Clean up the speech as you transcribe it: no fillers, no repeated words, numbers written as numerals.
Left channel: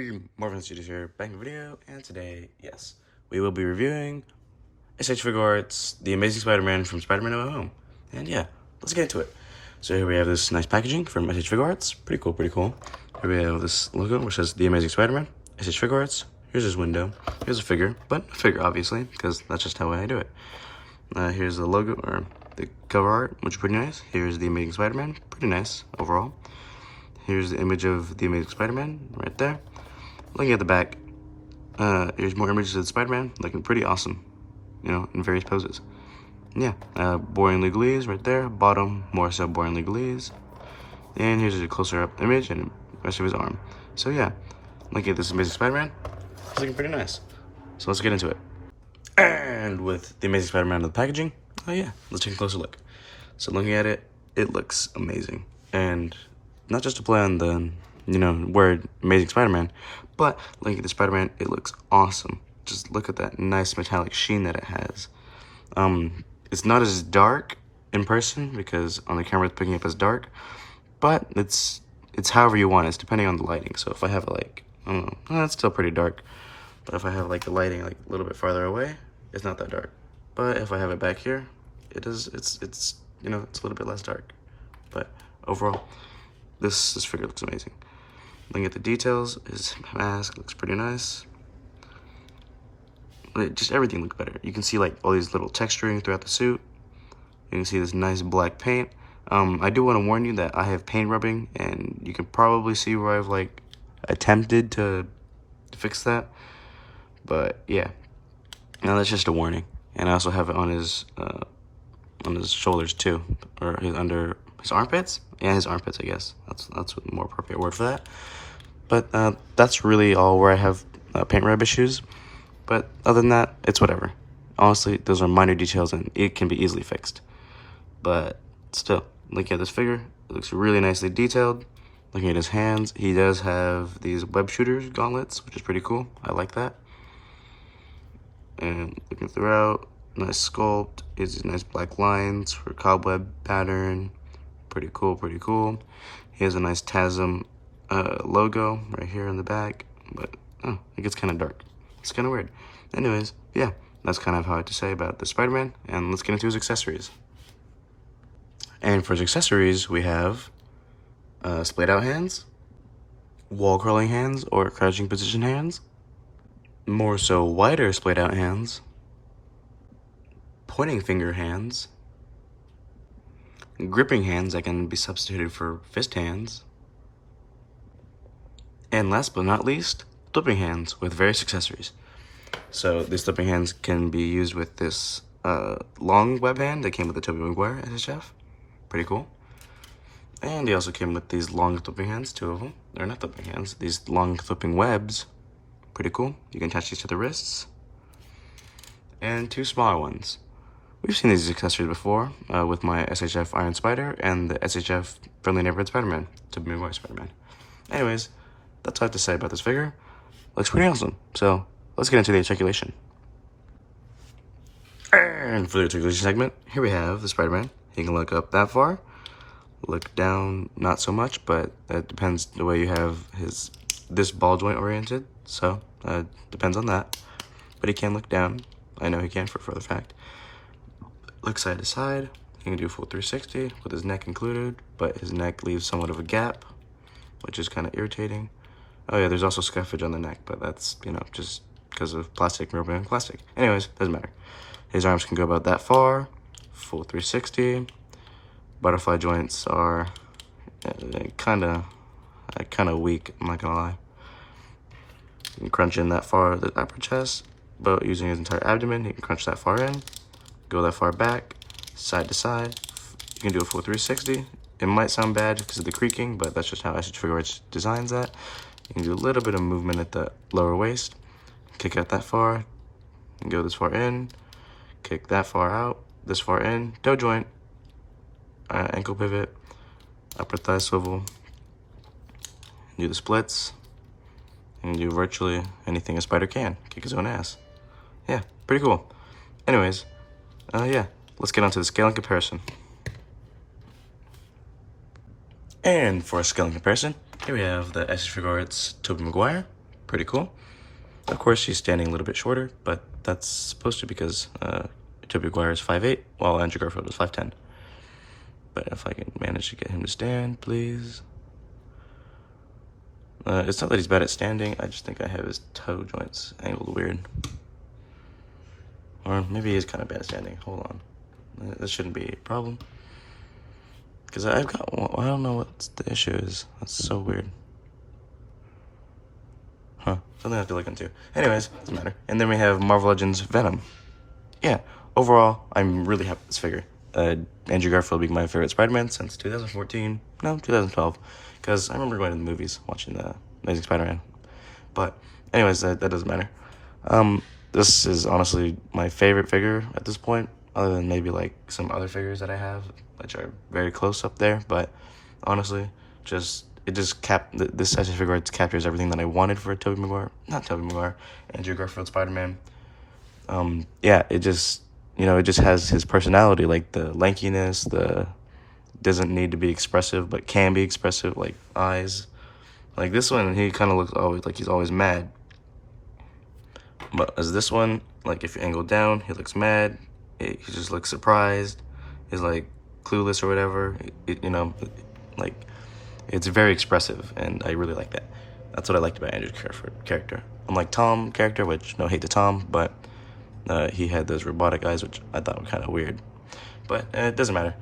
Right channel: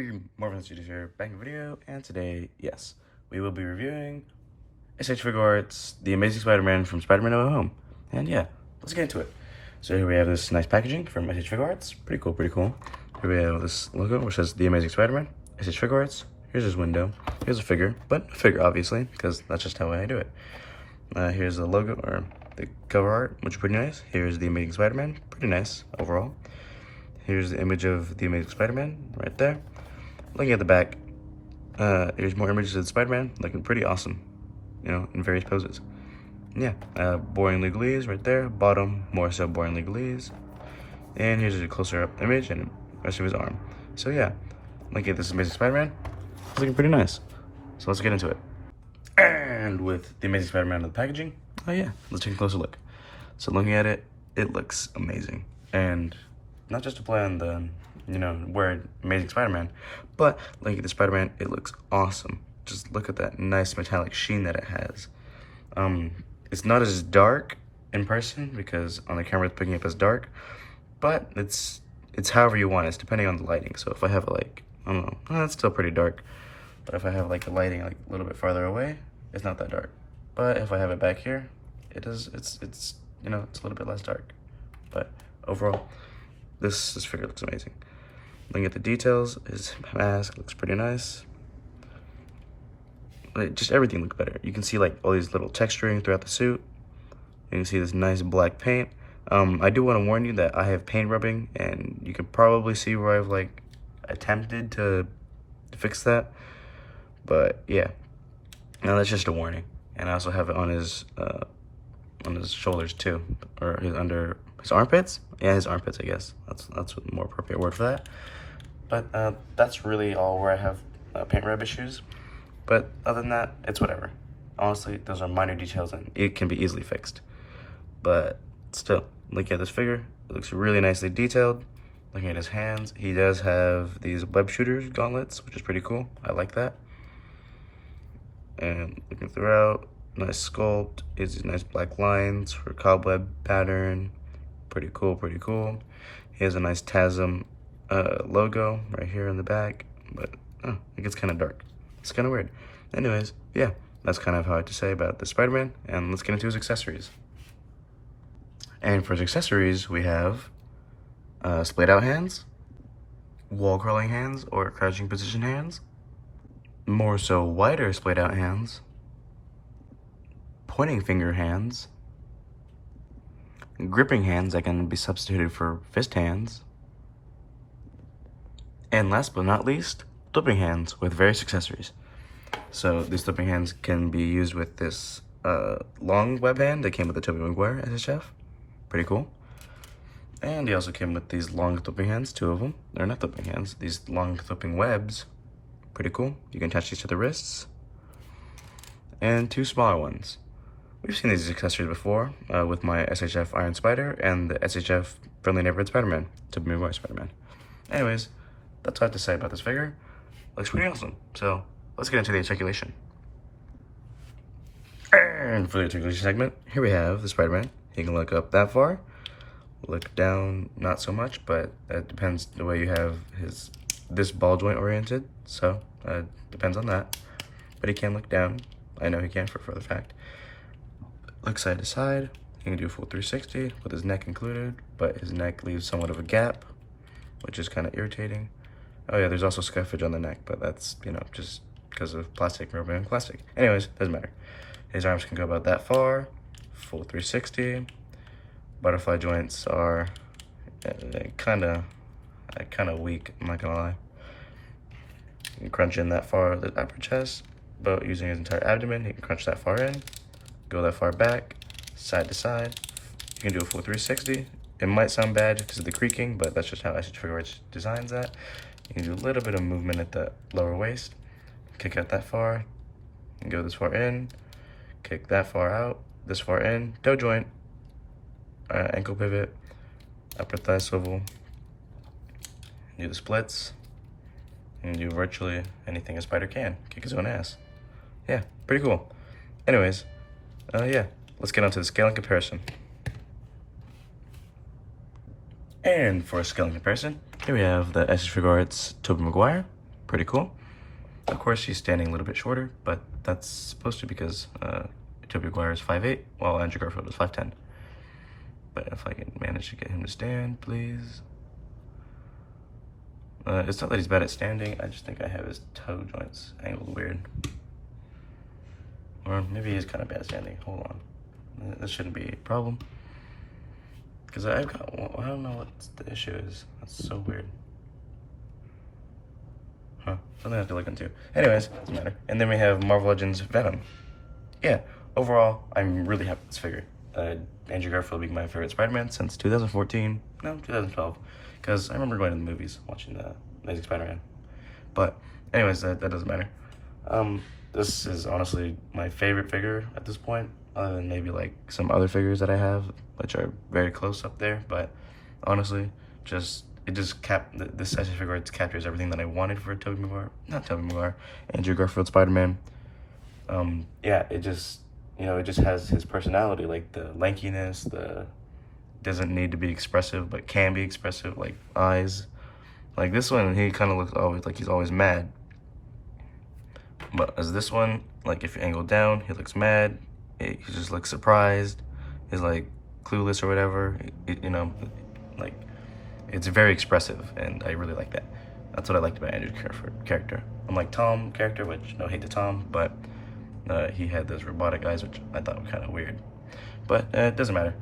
Hey, Marvin Studios here, back in the video, and today, yes, we will be reviewing SH Figuarts The Amazing Spider-Man from Spider-Man No Way Home. And yeah, let's get into it. So here we have this nice packaging from SH Figuarts. Pretty cool, pretty cool. Here we have this logo which says The Amazing Spider-Man, SH Figuarts. Here's his window. Here's a figure, but a figure obviously, because that's just how I do it. Here's the logo, or the cover art, which is pretty nice. Here's The Amazing Spider-Man, pretty nice overall. Here's the image of The Amazing Spider-Man right there. Looking at the back, here's more images of Spider-Man, looking pretty awesome, you know, in various poses. Yeah, boring legalese right there. Bottom, more so boring legalese. And here's a closer up image and the rest of his arm. So yeah, looking at this Amazing Spider-Man, it's looking pretty nice. So let's get into it. And with the Amazing Spider-Man in the packaging, oh yeah, let's take a closer look. So looking at it, it looks amazing. And not just to play on the, you know, word Amazing Spider-Man, but looking at the Spider-Man, it looks awesome. Just look at that nice metallic sheen that it has. It's not as dark in person because on the camera it's picking up as dark, but it's however you want it. It's depending on the lighting. So if I have it like, I don't know, it's still pretty dark. But if I have like the lighting like a little bit farther away, it's not that dark. But if I have it back here, it's you know, it's a little bit less dark. But overall, this figure looks amazing. Looking at the details, his mask looks pretty nice. Just everything looks better. You can see like all these little texturing throughout the suit. You can see this nice black paint. I do want to warn you that I have paint rubbing, and you can probably see where I've like attempted to fix that. But yeah, now that's just a warning. And I also have it on his shoulders too, or under his armpits. Yeah, his armpits, I guess. That's a more appropriate word for that. But that's really all where I have paint rub issues. But other than that, it's whatever. Honestly, those are minor details and it can be easily fixed. But still, looking at this figure, it looks really nicely detailed. Looking at his hands, he does have these web shooters gauntlets, which is pretty cool. I like that. And looking throughout, nice sculpt. Is these nice black lines for cobweb pattern. Pretty cool, pretty cool. He has a nice TASM logo right here in the back, but it gets kind of dark. It's kind of weird. Anyways, yeah, that's kind of how I have to say about the Spider-Man, and let's get into his accessories. And for his accessories, we have splayed out hands, wall crawling hands or crouching position hands, more so wider splayed out hands, pointing finger hands, gripping hands that can be substituted for fist hands, and last but not least, flipping hands with various accessories. So these flipping hands can be used with this long web hand that came with the Tobey Maguire SHF. Pretty cool. And they also came with these long flipping hands, two of them. They're not flipping hands, these long flipping webs. Pretty cool. You can attach these to the wrists. And two smaller ones. We've seen these accessories before with my SHF Iron Spider and the SHF Friendly Neighborhood Spider-Man, Tobey Maguire Spider-Man. Anyways, that's all I have to say about this figure. Looks pretty awesome. So let's get into the articulation. And for the articulation segment, here we have the Spider-Man. He can look up that far, look down not so much, but that depends the way you have this ball joint oriented. So depends on that. But he can look down. I know he can for a further fact. Look side to side. He can do a full 360 with his neck included, but his neck leaves somewhat of a gap, which is kind of irritating. Oh yeah, there's also scuffage on the neck, but that's, you know, just because of plastic, rubbing plastic. Anyways, doesn't matter. His arms can go about that far, full 360. Butterfly joints are kind of weak, I'm not gonna lie. You can crunch in that far the upper chest, but using his entire abdomen, he can crunch that far in, go that far back, side to side. You can do a full 360. It might sound bad because of the creaking, but that's just how SH Figuarts designs that. You can do a little bit of movement at the lower waist, kick out that far, and go this far in, kick that far out, this far in, toe joint, ankle pivot, upper thigh swivel, do the splits, and do virtually anything a spider can, kick his own ass. Yeah, pretty cool. Anyways, yeah, let's get on to the scale and comparison. And for a scaling comparison, here we have the SH Figuarts Tobey Maguire. pretty cool. Of course, she's standing a little bit shorter, but that's supposed to be because Tobey Maguire is 5'8", while Andrew Garfield is 5'10". But if I can manage to get him to stand, please. It's not that he's bad at standing, I just think I have his toe joints angled weird. Or maybe he's kind of bad at standing. Hold on. This shouldn't be a problem. Because I've got, I don't know what the issue is. That's so weird. Huh. Something I have to look into. Anyways, doesn't matter. And then we have Marvel Legends Venom. Yeah, overall, I'm really happy with this figure. Andrew Garfield being my favorite Spider-Man since 2014. No, 2012. Because I remember going to the movies, watching the Amazing Spider-Man. But, anyways, that doesn't matter. This is honestly my favorite figure at this point, other than maybe like some other figures that I have, which are very close up there. But honestly, this SHF Figuarts captures everything that I wanted for Andrew Garfield Spider-Man. Yeah, it just has his personality, like the lankiness, doesn't need to be expressive but can be expressive, like eyes. Like this one, he kind of looks always like he's always mad. But as this one, like if you angle down, he looks mad. He just looks surprised. He's like clueless or whatever. Like it's very expressive, and I really like that. That's what I liked about Andrew's character. Unlike Tom character, which no hate to Tom, but he had those robotic eyes, which I thought were kind of weird. But it doesn't matter.